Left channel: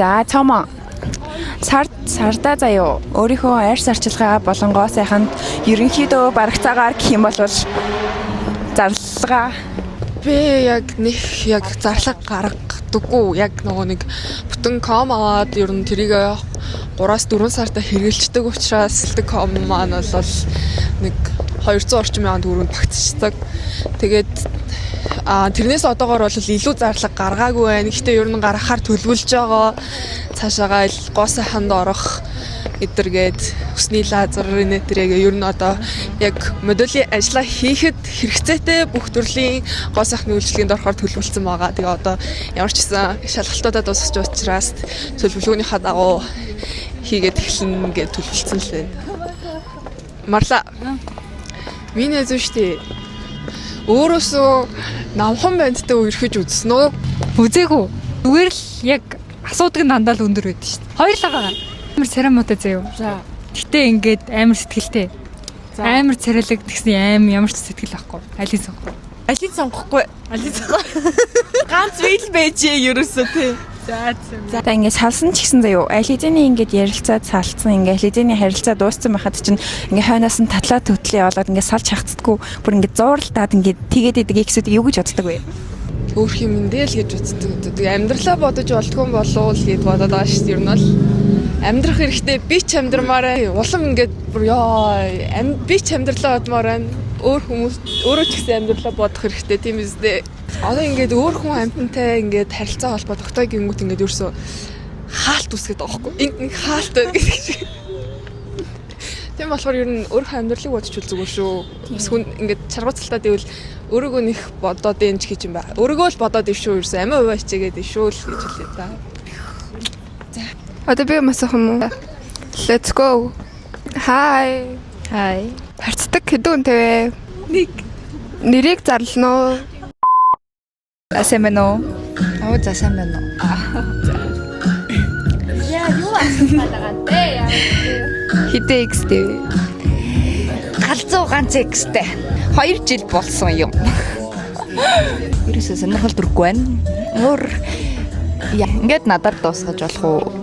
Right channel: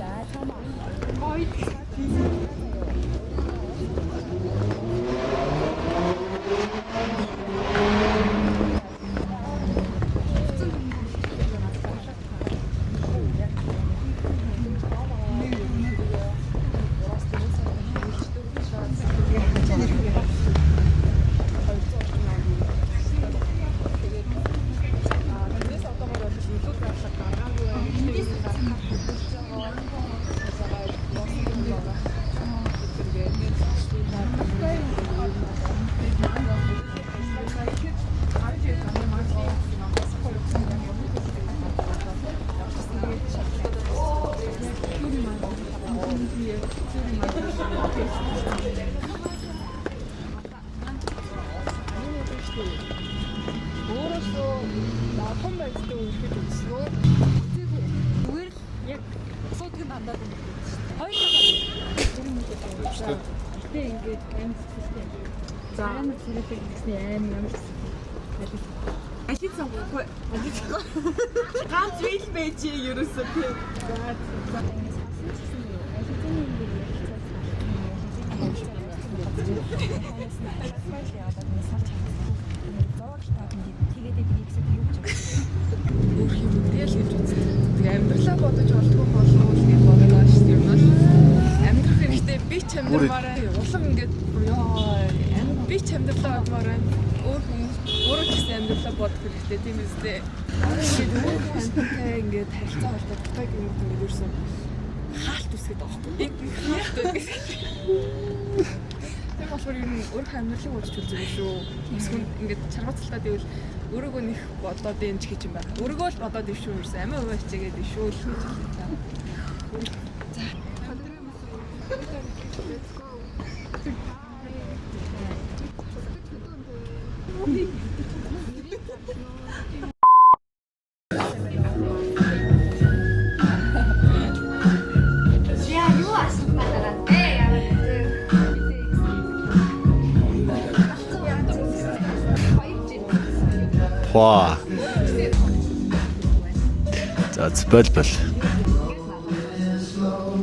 За цаамаа. Сарда заяо. Өөрийнхөө арьс арчилгаа болонгоо сайхан ерөнхийдөө барагцаагаар гэх юм бол зарлага Би яг нэг яг зарлага гаргадаггүй. Яг нөгөө нэг бүтэн ком аваад ер нь тэрийг 3-4 сартаа хэрэгжилдэг учраас сэлдэг ком маань бол нэг 200 орчим мянган төгрөнд багтчихдаг. Тэгээд тэрнээс одоогоор бол илүү зарлага гаргаагүй байна. Гэхдээ ер нь гаргахаар төлөвлөж байгаа. Цаашаагаа гоо сайханд орох эдэргээд хүсний лазерын нэтрийг ер нь одоо яг модулийн ажлаа хийхэд хэрэгцээтэй бүх төрлийн гоо сайхны үйлчлэгэнд орохоор төлөвлөсөн байгаа. Тэгээ одоо ямар ч гэсэн шалгалтуудаа дуусгаж учраас төлөвлөгөөнийхөө дагуу хийгээд эхэлнэ гэж төлөвлөсөн лээ. Марла. Миний зөв штэ. Өөрөөсөө намхан бандтай үерхэж үзсэн үү? Үзээгүй. Зүгээр л яг асуудаг нь дандаа л өндөр байдаг шүү дээ. Хоёрлаа байгаа. Амар царамуутай заяа. Гэтэ ингээд амар сэтгэлтэй. Амар царайлаг гэсэн ямар ч сэтгэл байхгүй. Алийг сонгохгүй. алийг сонгохгүй. Ганц вил байжээ ерөөсөө тий. За ингээд салсан ч гэсэн заяо. Аль хэзээний ингээд ярилцаад салцсан ингээд хэзээний харилцаа дууссан байхад чинь ингээд хойноос нь татлаа төтлөө болоод ингээд салж хахацдаггүй. Бүр ингээд зууралтаад ингээд тэгээд идэг ихсүүд юу гэж боддог вэ? Өөр юм дээр л гэж үздэг. Амьдралаа бодож болтгүй болов л гэд бодоод байгаа шүү дээ. Ер нь бол амьдрах хэрэгтэй. Би ч амьдрмаараа улам ингээд би ч амьдралаа бодмоор байна. Өөр хүмүүс өөрөө ч гэсэн амьдралаа бодох хэрэгтэй тийм үстэй. Одоо ингээд өөр хүн амьтантай ингээд харилцаа холбоо гингүүт ингээд ерөөсөө хаалт үсгээд байгаа байхгүй. Ингээд хаалт гэдэг шиг. Тийм болохоор ер нь өөр амьдралыг бодож үздэг шүү. Эсвэл ингээд чаргууцалтаа дэвэл өөрийгөө нэх бодоод энэ ч гэж юм байна. Өөрийгөө л бодоод ив шүү ерөөсөө амиа хуваа хичээгээд ив шүү л гэж хэлээ та. За. Одоо би масах юм уу? Let's go. Hi. Хай. Харцдаг хэдэн үнэтэй вэ? Нэг. Нэрийг зарлана уу? Сайн байна уу? За сайн байна уу? Яа, юу асуугаад байгаа те? Хитэ X-тэй. Галзуу ганц X-тэй. 2 жил болсон юм. Ваа. Өөрөөсөө сонирхол төрөхгүй байна. Бол. Ингээд надад дуусгаж болох уу?